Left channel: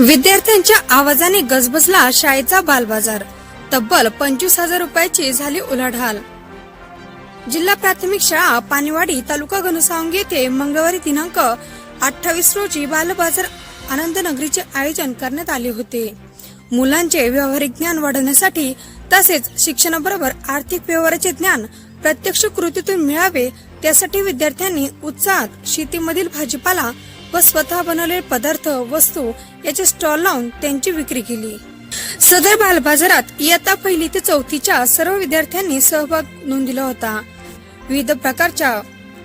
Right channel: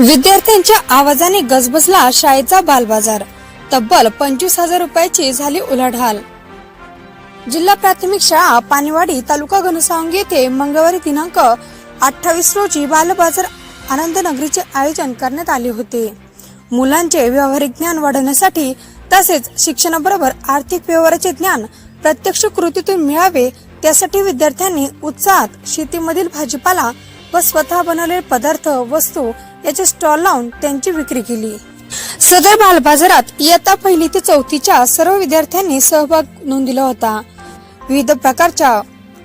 विद्यार्थ्यांच्या आवाजाने गजबजला शाळेचा बालबाजार. तब्बल पंचवीस हजार रुपयाची झाली उलाढाल. जिल्हा प्राथमिक शाळा पाणीवाडी तालुका घनसावंगी येथे मंगळवारी दिनांक अठ्ठावीस रोजी बालबाजार आनंद नगरीचे आयोजन करण्यात आले होते. मुलांचे व्यावहारिक ज्ञान वाढवण्यासाठी तसेच शिक्षणाबरोबर आर्थिक व्यवहाराचे ज्ञान प्रत्यक्ष कृतीतून मिळावे त्यासाठी विद्यार्थ्यांनी उत्साहात शेतीमधील भाजीपाला व स्वतः बनवलेले पदार्थ वस्तू याचे स्टॉल लावून त्यांची विक्री केली. सदर बालबाजारात इयत्ता पहिली ते चौथीच्या सर्व विद्यार्थ्यांनी सहभाग नोंदविला होता. विविध प्रकारच्या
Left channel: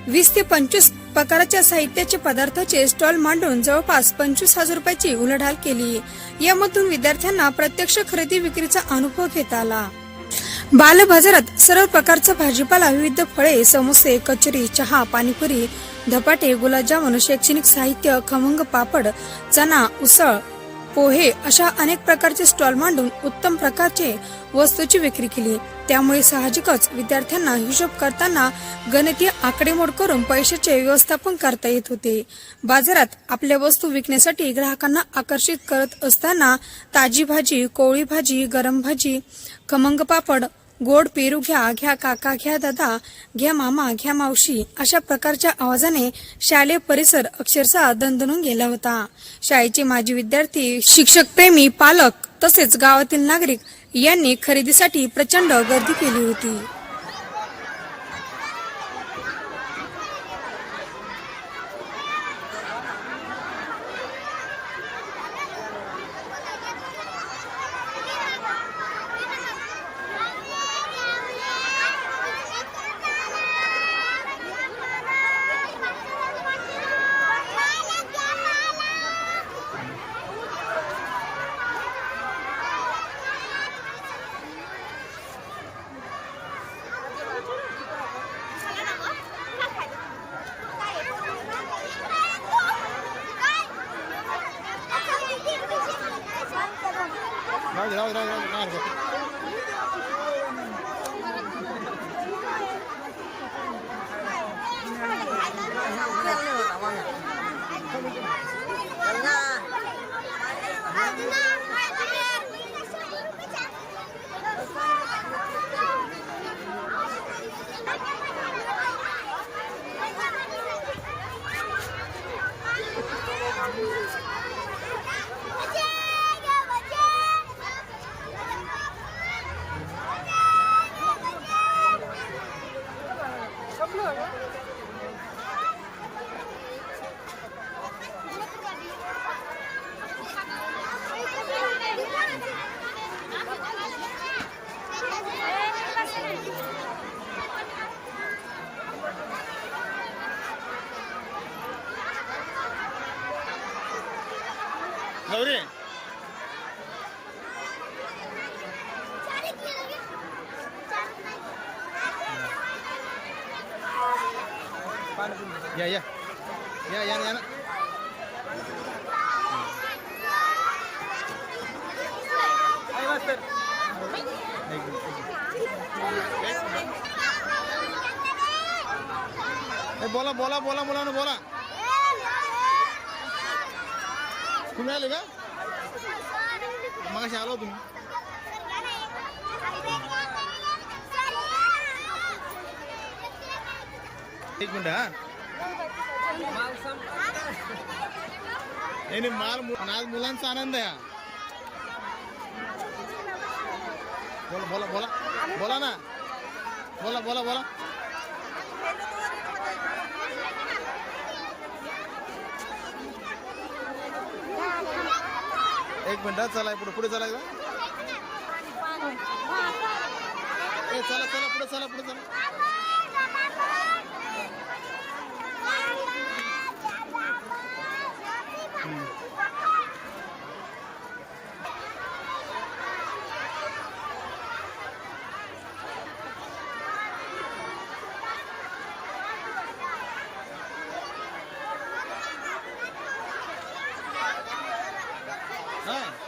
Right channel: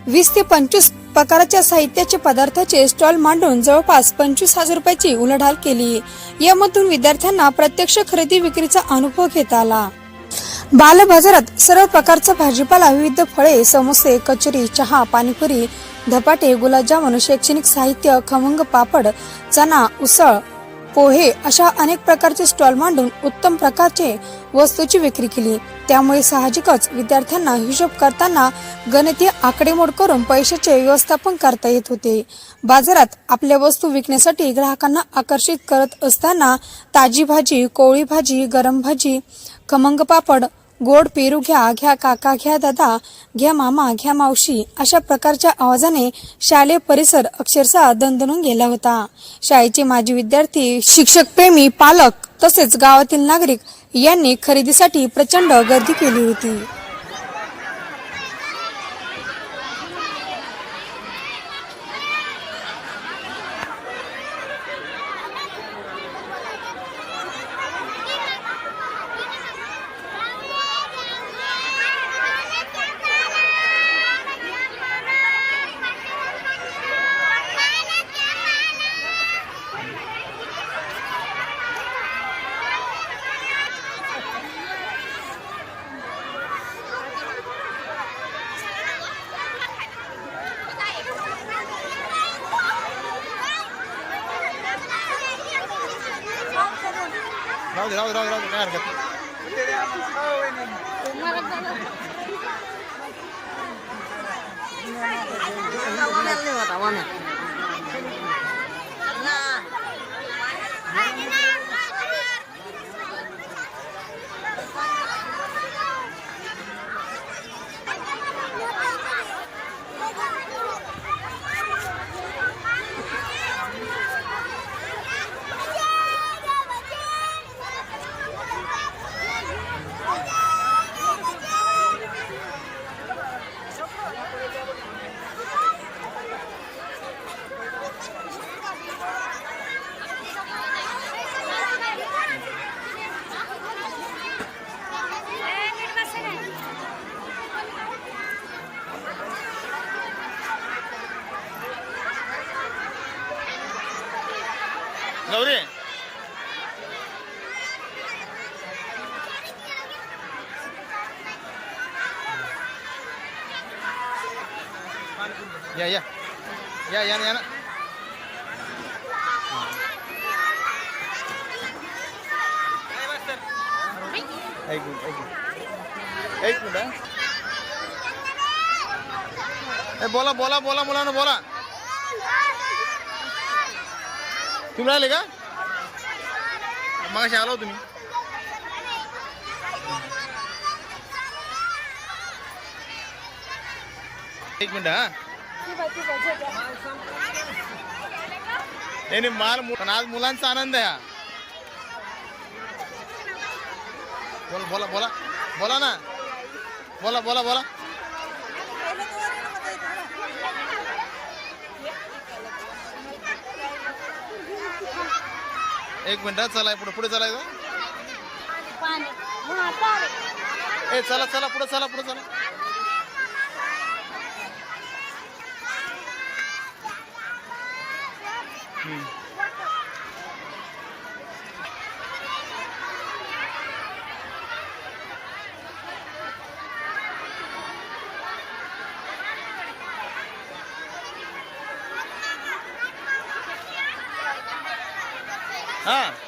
वीस ते पंचवीस प्रकारच्या साहित्याचे पदार्थाचे स्टॉल मांडून जवळपास पंचवीस हजार रुपयाची उलाढाल केली. यामधून विद्यार्थ्यांना प्रत्यक्ष खरेदी विक्रीचा अनुभव घेता आला. बाल बाजारात सर्व प्रकारचा भाजीपाला विविध फळे समोसे कचोरी चहा पाणीपुरी धपाटे गुलाबजामुन शैक्षणिक साहित्य खमंग पापड चना उसळ पोहे अशा अनेक प्रकारचे स्टॉल मांडून उत्तम प्रकारचे वस्तूची विक्री केली. त्यामुळे साहजिकच विद्यार्थ्यांना हिशोब करताना गणितीय आकडेमोड करून पैशाचे व्यवस्थापन करता येत होते. बाजारात आपल्या वस्तू विकण्यासाठी ग्राहकांना आकर्षित करत असताना ताजी भाजी कोळी भाजी गरम भाजी खमंग पापड गोड पेरू घ्या घ्या काका घ्या दादा घ्या मामा घ्या मावशी अशा प्रकारच्या आवाजाने शालेय परिसर अक्षरशः दणदणून गेला होता. शाळेचे माजी विद्यार्थी शिक्षक प्रेमी पालक तसेच गावातील नागरिक यांनी खरेदीसाठी प्रचंड गर्दी केली होती. No, de lado, de lado, de lado, de lado. Gauri. या या. या या ना, या ना. एक मिनिट एक मिनिट बोला बोला बोला मुलांना बोला. तुम्ही आले का? मग आलो तुम्ही. एक मिनिट हा. नाही नाही, माल मु- पण आज मुलांचा आनंद आहे हा. बोला बोला बोला. बोला ना. बोला बोला बोला. एक मिनिट चला पुढे पुढे चलायचं ए चला चला पुढे चला पुढे चला हम्म. ஆ.